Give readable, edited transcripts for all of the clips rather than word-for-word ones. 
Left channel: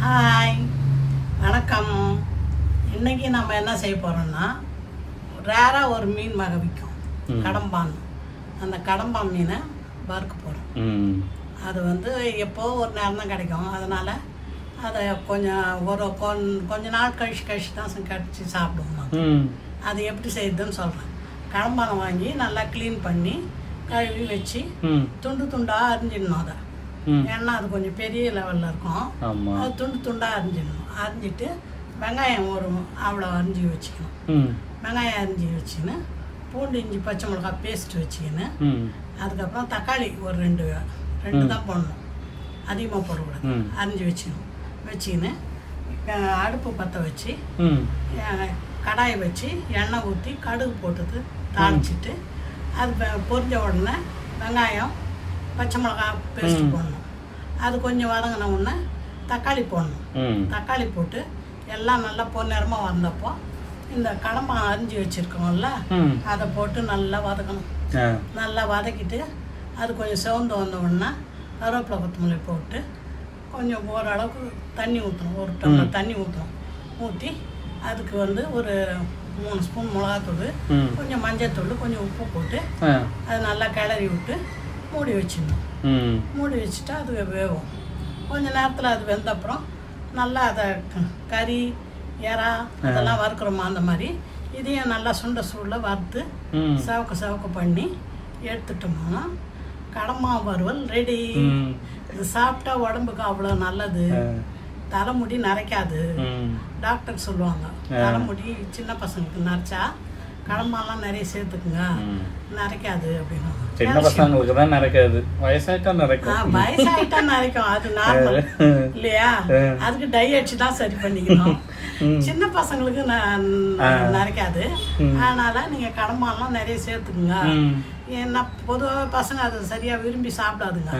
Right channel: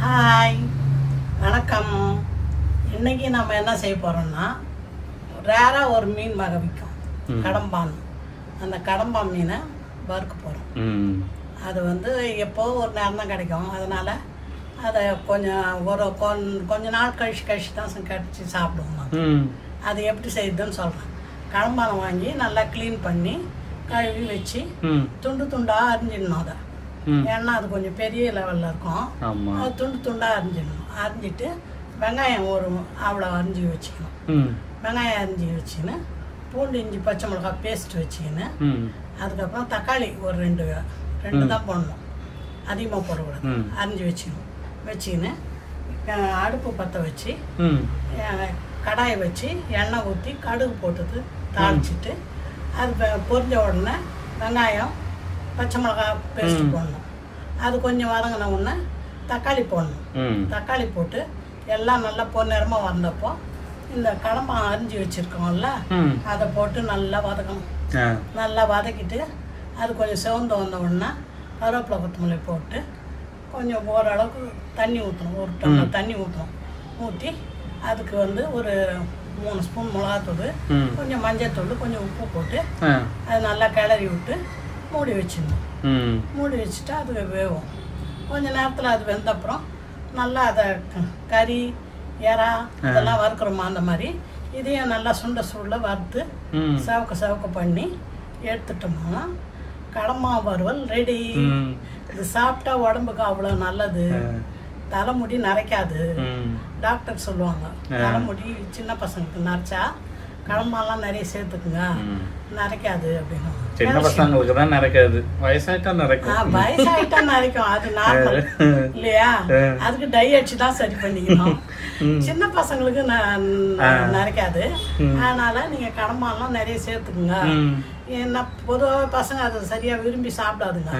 Hi வணக்கம். இன்னைக்கு நம்ம என்ன செய்ய போகிறோம்னா, ரேராக ஒரு மீன் வகை விற்கும், கடம்பான். அந்த கடம்பான் மீனை வறுக்க போகிறோம். அது எப்போ ஒரு நேரம் தான் கிடைக்கும். அதனால் அதை கொஞ்ச நாள் கழிச்சு தான் கடிச்சு சாப்பிடுவோம். அது எப்படி செய்யுதுன்னு சொல்கிறேன். கடம்பானை வாங்கி நல்லா க்ளீன் பண்ணி கழுவி வச்சு துண்டு துண்டாக அரிஞ்சிடணும். அதை ஏன்னா அது கொஞ்சம் பெரிய லெவலில் இருக்கும். அது துண்டு துண்டாக அரிஞ்சிடணும். அரிஞ்சிட்டு வெங்காயம் அவ்வளோ அரிஞ்சு வச்சுக்கணும். வெங்காயம் அரிஞ்சு வச்சுக்கின்னு பூண்டு இஞ்சி பச்சை மிளகாய் பேஸ்ட் வச்சுக்கின்னு அதுக்கப்புறம் தக்காளி ஒரு ரெண்டு தான் போடணும், அதிகமாக போடக்கூடாது. அரிஞ்சு வச்சுக்கின்னு அடுப்பு பற்ற வச்சு கடாயை வச்சு எண்ணெய் ஊற்றி கடுகு போட்டது தாளிச்சிட்டு அது பொரிஞ்ச உடனே வெங்காயம் பச்சை மிளகாய் பேஸ்ட் போடணும். அது கொஞ்சம் வதங்கின உடனே தக்காளி போடணும். தக்காளி போட்டு எல்லாம் நல்லா பொன்னிறமாக வந்தப்போ இந்த கடம்பானை அரிஞ்சு வச்சுருக்கோம்ல அதை போட்டு நல்லா வதக்கணும். நல்லா வதக்கிட்டு அது கொஞ்சம் சிவந்து வந்த உடனே கருவேப்பிலை கொத்தமல்லி போட்டு கொஞ்சம் ஓரளவுக்கு தண்ணி ஊற்றணும். ஒரு டம்ளர் தண்ணி ஊற்றணும். ஊற்றி அதுக்கு ஒரு 3 ஸ்பூன் மிளகாத்தூள், கொஞ்சம் மஞ்சத்தூள், கொஞ்சம் உப்பு போட்டு அது நல்லா கிளறி விட்டு மூடி வச்சிடணும். மூடி வச்சுட்டா அது வேகும். கொஞ்சம் நேரத்தில் அது வெந்தப்புறம் நல்லா அதை கறி எறா அதெல்லாம் வறுக்கிறோமா அந்த மாதிரி இதையும் நல்லா சுண்ட வறுத்து சவக்க பண்ணி எடுத்துட்டோம்னா கடம்பா வறுவல் ரெடி. இது சாப்பிட்டா உடம்புக்கு அவ்வளோ நல்லது. தலைமுடி நரைக்காது. டாக்டர் சொல்லுவாங்க, தலைமுடி சின்ன பசங்களுக்கு நரைச்சா கடம்பாலாம் நிறைய சேர்த்துக்குங்க, நரைக்காது அப்படின்னு. வயசாயிட்டா நரைக்கும், அது நார்மல் இல்லையா? அதுக்கு டை அடிச்சு தான் சரி பண்ணிக்கணும். சின்ன பசங்களுக்கு நரைக்காது. அதனால நீங்க கடம்பாலாம் நிறைய சேர்த்துக்குங்க. ஏன்னா பொதுவாக பசங்க அதை சரியா விரும்பி சாப்பிடாதுங்க.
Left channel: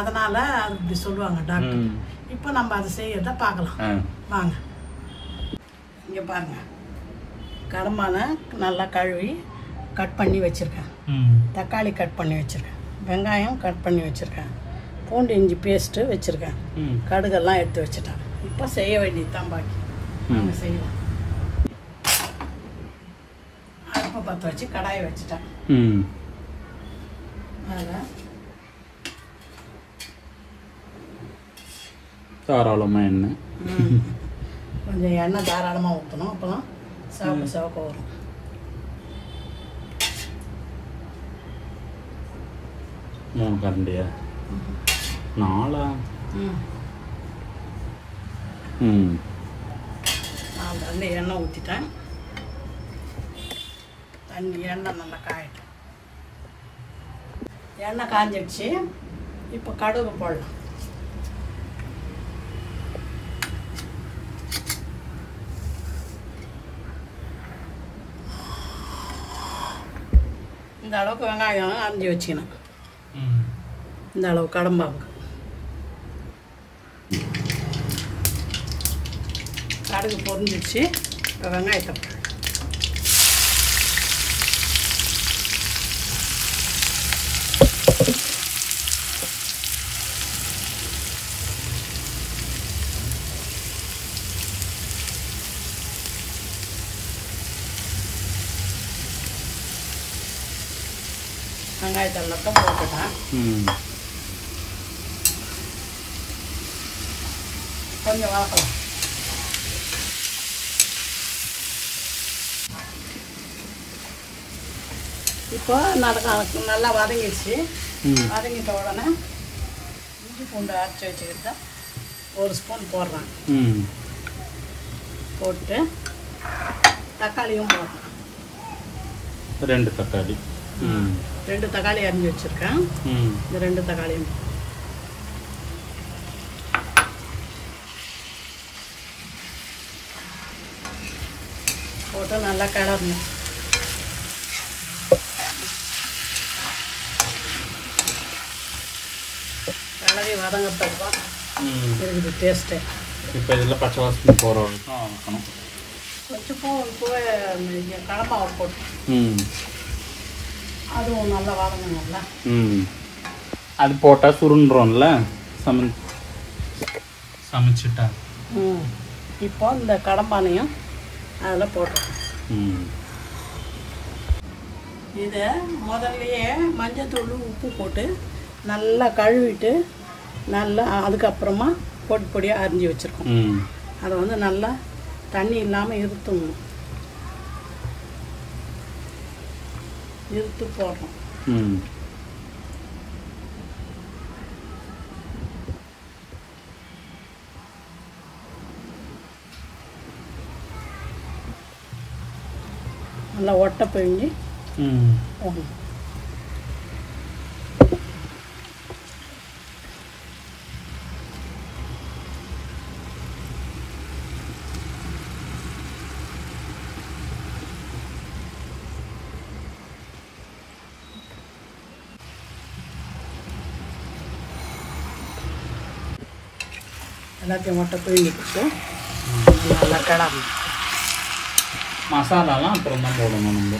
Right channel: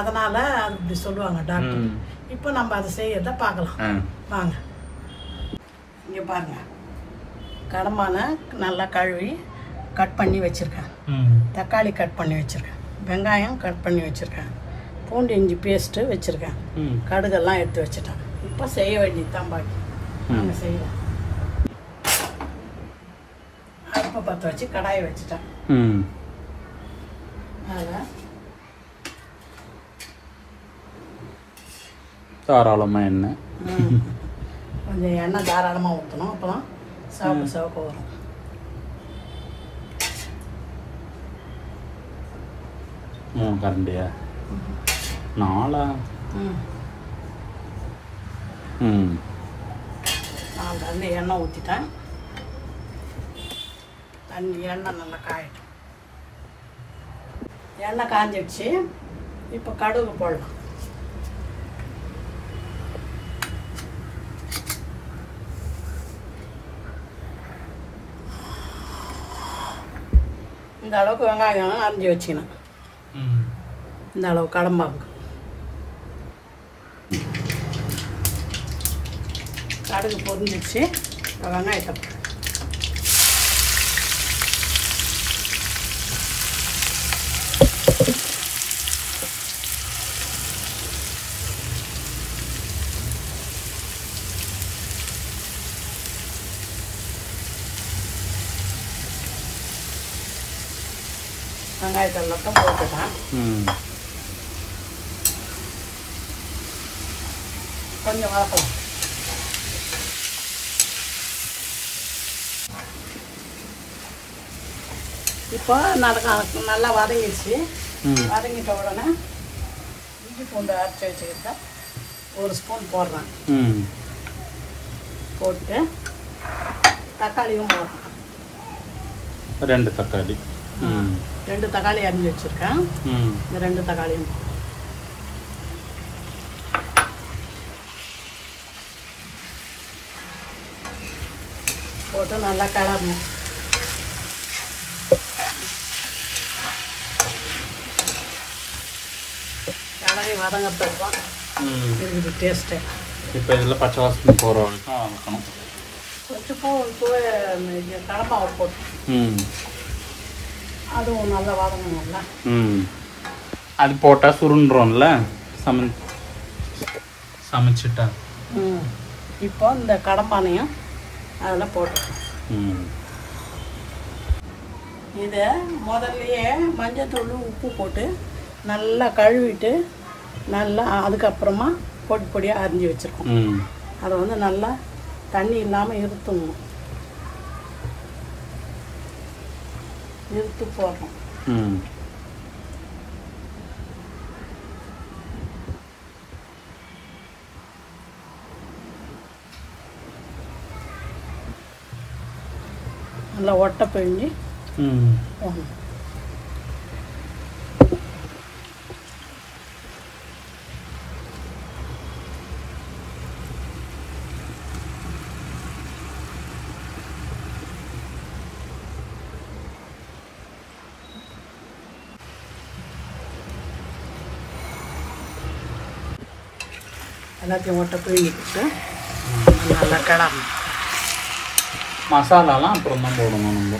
அதனால அது இப்படி சொல்லுவாங்க டாக்டர். இப்போ நம்ம அதை செய்யறத பார்க்கலாம் வாங்க. இங்க பாருங்க, கடம்பானை நல்லா கழுவி கட் பண்ணி வச்சிருக்கேன். தக்காளி கட் பண்ணி வச்சிருக்கேன். வெங்காயம் கட் பண்ணி வச்சிருக்கேன். பூண்டு இஞ்சி பேஸ்ட்டு வச்சிருக்கேன். கடுகெல்லாம் எடுத்து வச்சுட்டேன். இப்போ செய்ய வேண்டியதுதான் பாக்கி. நாங்கள் செய்யலாம். அடுப்பை பற்ற வச்சு கடாயை வச்சுட்டேன். அதில் தாராளமாக எண்ணெய், கொஞ்சம் எண்ணெய் தாராளமாக ஊற்றணும். அப்போலாம் சிவப்பு வரும். கரண்டியா 4 கரண்டி எண்ணெய் ஊற்றிட்டேன். எண்ணெய் நல்லா காயிட்டு எண்ணெய் காஞ்சிடுச்சு. இப்போ கடுகு போடலாம். இந்த அளவுக்கு வெங்காயம் அரிஞ்சு வச்சுக்கணும். இந்த அளவு கடம்பாவுக்கு கடுகு பொரிஞ்சிடுச்சு. வெங்காயத்தை வெங்காயத்தை எல்லாத்தையும் போட்டுட்டேன். கொஞ்சம் வதக்கலாம். இப்போ நல்லா வதங்கிடுச்சு. வதங்கிட்ட உடனே இஞ்சி பூண்டு அரைச்சி வச்சுக்கிட்ட 1 ஸ்பூன் போடுறேன். போட்டு தக்காளியும் போடுறேன். 2 தக்காளி 2 தக்காளி அரிஞ்சு வச்சிருக்கேன். இந்த 2 தக்காளியும் போட்டு நல்லா கிளறணும். கிளறி வதங்கிறதுக்கு தான் டேஸ்ட்டு. இப்போ இதில் பச்சை வாசனை போகிற வரைக்கும் கொஞ்சம் கடம்பாவை போட்டு அதுவும் நல்லா வதங்கணும்ல. அது போட்டால் சுருண்டுறோம்ல சமைச்சிட்டா இப்போ இந்த கடப்பானையும் அதில் போட்டுருக்கோம். இதை முதல்லையே மஞ்சத்தூள் உப்பு போட்டு நல்லா கழுவிட்டு நல்லா அதுக்கப்புறமா பொடி பொடியாக அரிஞ்சு வச்சுருக்கோம். அதை வந்து நல்லா தண்ணி இல்லாமல் இருத்துணும். இருத்து போடுறோம். நல்லா ஒட்டை பிழிஞ்சு போடணும். எல்லாத்தையும் ஒட்டை பிழிஞ்சிட்டு மசாலாலாம் அப்புறமா போடணும் நம்ம.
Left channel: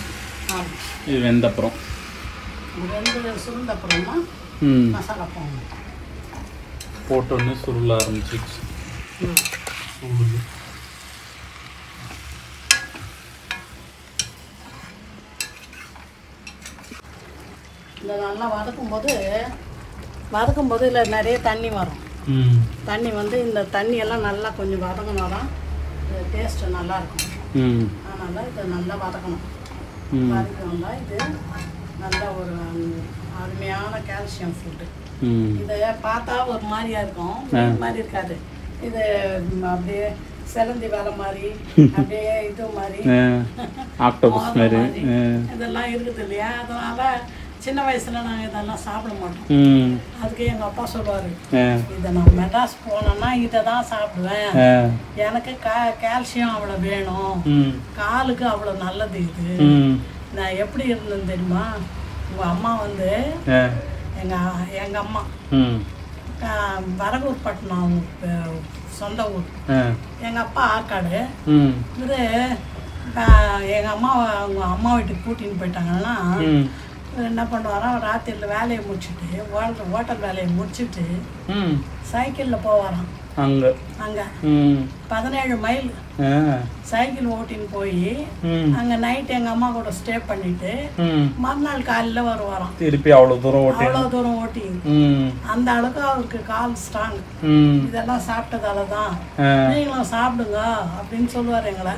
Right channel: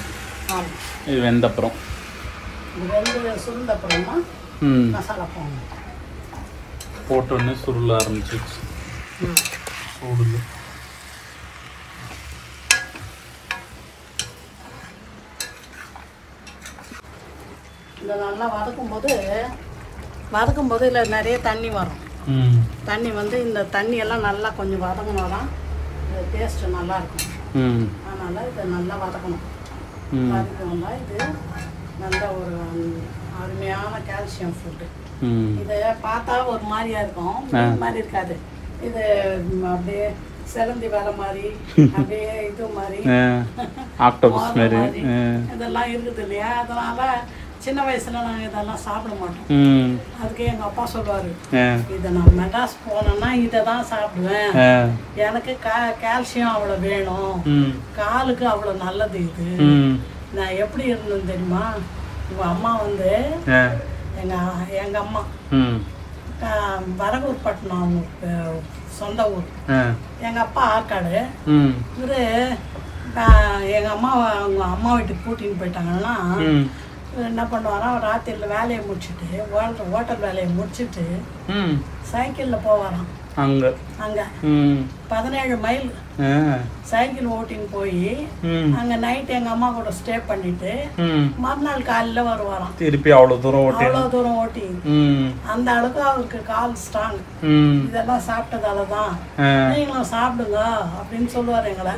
இது வெந்த அப்புறம் வெந்து சுருந்த அப்புறமா மசாலா போடணும். போட்டோன்னே சுருள ஆரம்பிச்சிச்சு. இந்த நல்லா வதக்கும்போது இதில் நிறைய தண்ணி வரும். தண்ணி வந்து இந்த தண்ணியெல்லாம் நல்லா கொஞ்சம் வதங்கினா தான் டேஸ்ட்டு நல்லாயிருக்கும். அதனால் இதை நல்லா வதக்கணும். வதக்கணும்னா இது நல்ல ஒரு அருமையான கால்சியம் ஃபுட்டு. இதை பார்த்தா ஒரு மாதிரியா இருக்கும், மீன் மாதிரி இருக்காது. இது அப்படியே சிலந்தி வேலை மாதிரி, அப்படியே இது மாதிரி இதெல்லாம் இருக்குது இல்லையா. அதனால சின்ன வயசுல நாங்கள் இதெல்லாம் சாப்பிட மாட்டோம். அதுக்கு எங்கள் அப்பா சொல்லுவார், இதை நான் மெட்ராஸ் போனேன்னா இதை தான் சாப்பிடுவேன். எனக்கு கால்சியம் அவ்வளோ வேணும், காலுக்கு அவ்வளோ நல்லது இது. நான் எப்படி இருந்தேன் தெரியுமா? உங்கள் அம்மா வந்து எங்கள் அம்மா வரகூர் பட்டினம் சொந்த ஊர். எங்கள் அப்பா ஆற்காடு. இது எங்கள் அம்மா அவங்க அம்மா வீட்டுக்கு கூட்டின்னு போயிட்டாங்கன்னா என்ன பண்ணுவாரா, ராத்திரியில் வேலையை முடிச்சுட்டு ஹோட்டல் வேலையை முடிச்சுட்டு சைக்கிளில் போவாராம். அங்கே 17 மைல் சைக்கிள் ஓட்டின்னு போய் அங்கே நைட் எங்கள் அம்மா கூட ஸ்டே பண்ணிட்டு மறுநாள் காலையில் வருவாராம். திருப்பி அவ்வளோ தூரம் ஓட்டி அந்த அளவுக்கு அவருக்கு கால் ஸ்ட்ராங். இதெல்லாம் சாப்பிட்டதால தான் நீங்களும் சாப்பிடுங்க அப்படின்னு சொல்லுவார் எங்களை.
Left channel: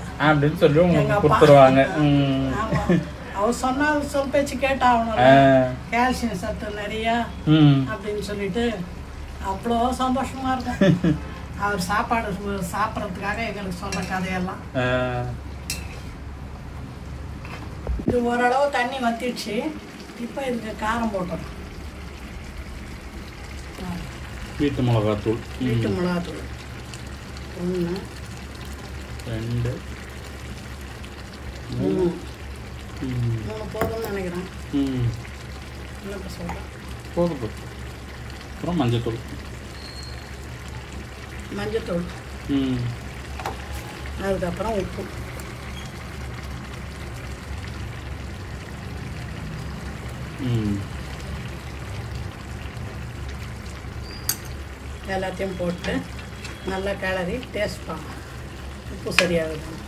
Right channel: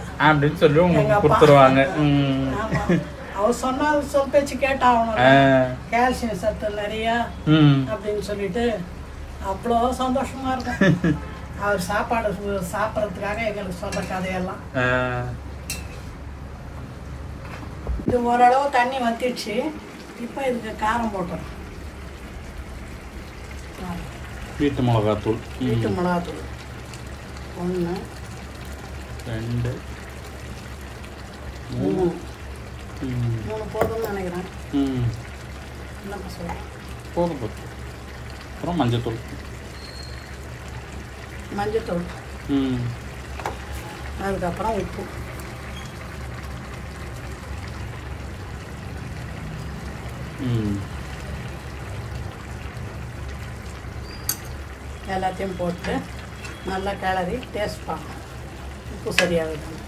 எங்கள் அப்பா ஆமா, அவர் சொன்னா சொல் பேச்சு கேட்டாகணும்ல, கால்சியம் சத்து நிறைய அப்படின்னு சொல்லிட்டு அவ்வளோ சந்தோஷமா இருக்கும். அவர் சாப்பாடு சாப்பிட்றதுக்காக எங்களுக்கு சொல்ற கதையெல்லாம். இது ஓரளவு தண்ணி வத்திடுச்சு. இப்போ இதுக்கு காரம் போட்டோம். வீட்டு மிளகாத்தூள் 1 2 3 போதும்னு நினைக்கிறேன். என்னப்பா சொல்கிறேன்? போதும். அப்புறம் மஞ்சத்தூள் அதுக்கப்புறம் உப்பு. எல்லாத்தையும் போட்டு நல்லா கிளறி டேஸ்ட் பண்ணலாம். உப்பு சரியாக இருக்கும்.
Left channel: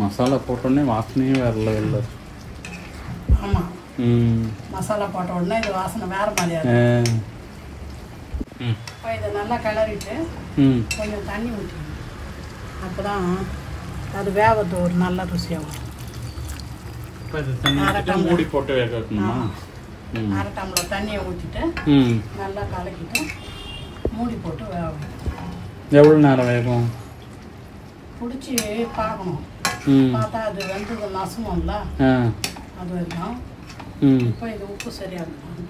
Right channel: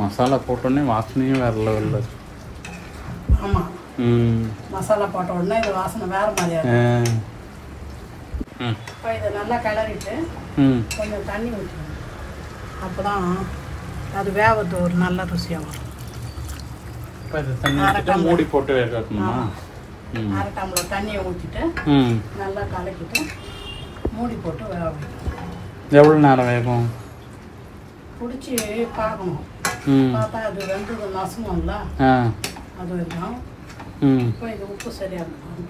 மசாலா போட்டோன்னே வாசனையும் வேற லெவலில். ஆமாம், மசாலா போட்ட உடனே இது வாசனை வேறு மாதிரியா இருக்கும். இப்போ இதை நல்லா கிளறிட்டு கொஞ்சம் தண்ணி ஊற்றணும். அப்போ தான் அது வேகிறது ஒரு நல்ல ருசியாக வரும். மூடி போட்டு வேகணுமா? 1/2 டம்ளர் தண்ணியை ஊற்றிட்டு நல்லா கலக்கிட்டு மூடி போட்டு வேக. எவ்வளோ நேரம் வேகும்? பிடிச்சி பார்க்கணும். பார்த்தா அது வெந்தது நசுங்கும்ல, அது வரைக்கும். இப்போ இது உப்பு சரியாக இருக்கும்.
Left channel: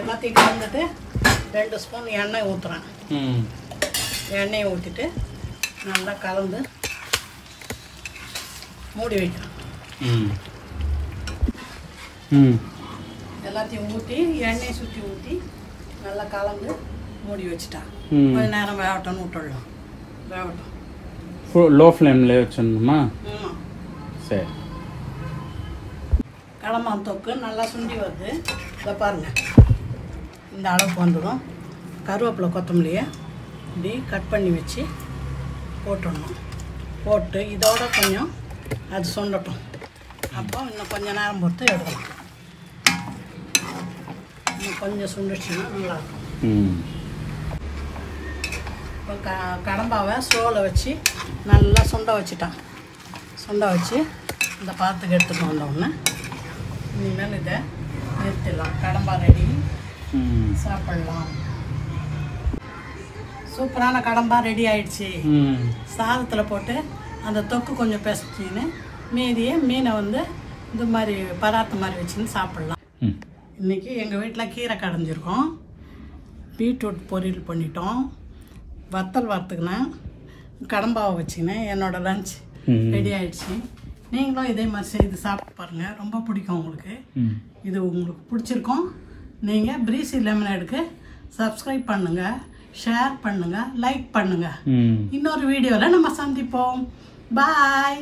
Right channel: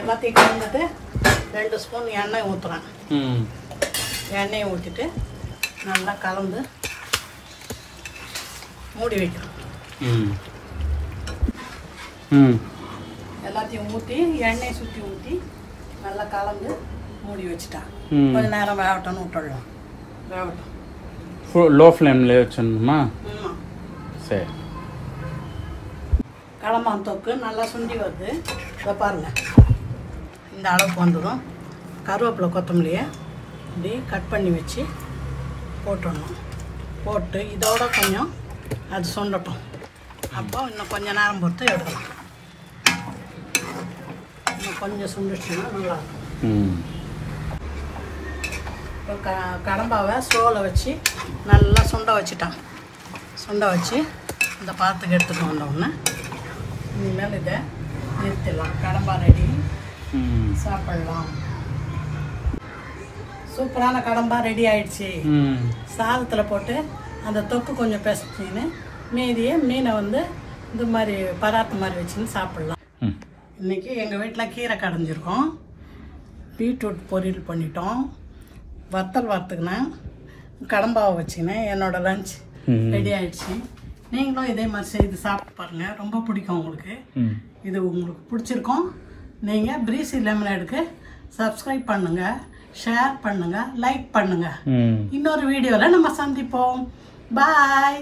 எல்லாத்தையும் கலந்துட்டு 2 ஸ்பூன் எண்ணெய் ஊற்றுறேன். எண்ணெயை ஊற்றிட்டு நல்லா கலந்து மூடி வைக்கணும். எல்லாத்தையும் ஊற்றி எண்ணெய் சுற்றி ஊற்றி நல்லா கலந்து மூடி வச்சுட்டா கொஞ்ச நேரம் வேகட்டும்னு விட்டுடலாம். வேகட்டும். லோ ஃப்ளேம்ல வச்சிடணுமா? ஆமாம். சரி. கடம்பான் தொக்கு நல்லா சுண்டி வருது. இதை பாருங்கள், இந்த அளவுக்கு வந்துடும். கருவேப்பிலை கொத்தமல்லியை இப்படி கட் பண்ணி வச்சு போட்டுடணும். போட்டு இதோட கொஞ்சம் அது சுண்டட்டும். அப்போ இன்னும் கொஞ்சம் நேரம் பொறுத்து எடுக்கணும். கொஞ்சம் சுண்டுச்சுன்னா நல்லாயிருக்கும். இப்போ கடம்பாவை ஸ்லோவில் வச்சு நல்லா சுண்ட வச்சுட்டேன். சுண்ட வச்சு இந்த பாத்துக்கு எடுத்துகிட்டு வந்தோம்னு இனிமேல் இதை நிறுத்திடலாம். கடம்பா ரெடி, சாப்பிடலாம். சூப்பரான கடம்பா ரெடி ஆயிடுச்சு. சாதத்தில் போட்டு அந்த தொக்கு கொஞ்சம் பிசைச்சின்னு மீதியை மீனை வந்து இந்த மாதிரி பராத்து மாதிரி வச்சுன்னு சாப்பிட்லாம். இன்றைக்கி எங்கள் வீட்டில் கீரை கடைஞ்சிருக்கோம், பீட்ரூட் பொரியல் பண்ணிட்டோம், வத்தல் வறுத்துக்கினேன், கடம்பாவை வச்சுக்கினேன். என்னோடய லஞ்ச் ரெடி ஆயிடுச்சு. நீங்களும் இதே மாதிரி செய்து சாப்பிட்டு பாருங்கள், ரொம்ப பிடிக்கும் உங்களுக்கு. இது உங்களுக்கு பிடிச்சிருக்கோம். நீங்கள் பிரீசி லெமனேடுக்கு சப்ஸ்கிரைப் பண்ணுங்கள், ஷேர் பண்ணுங்கள், லைக் பண்ணுங்கள். இன்னொரு வீடியோவில் நம்ம சந்திப்போம். பாய்.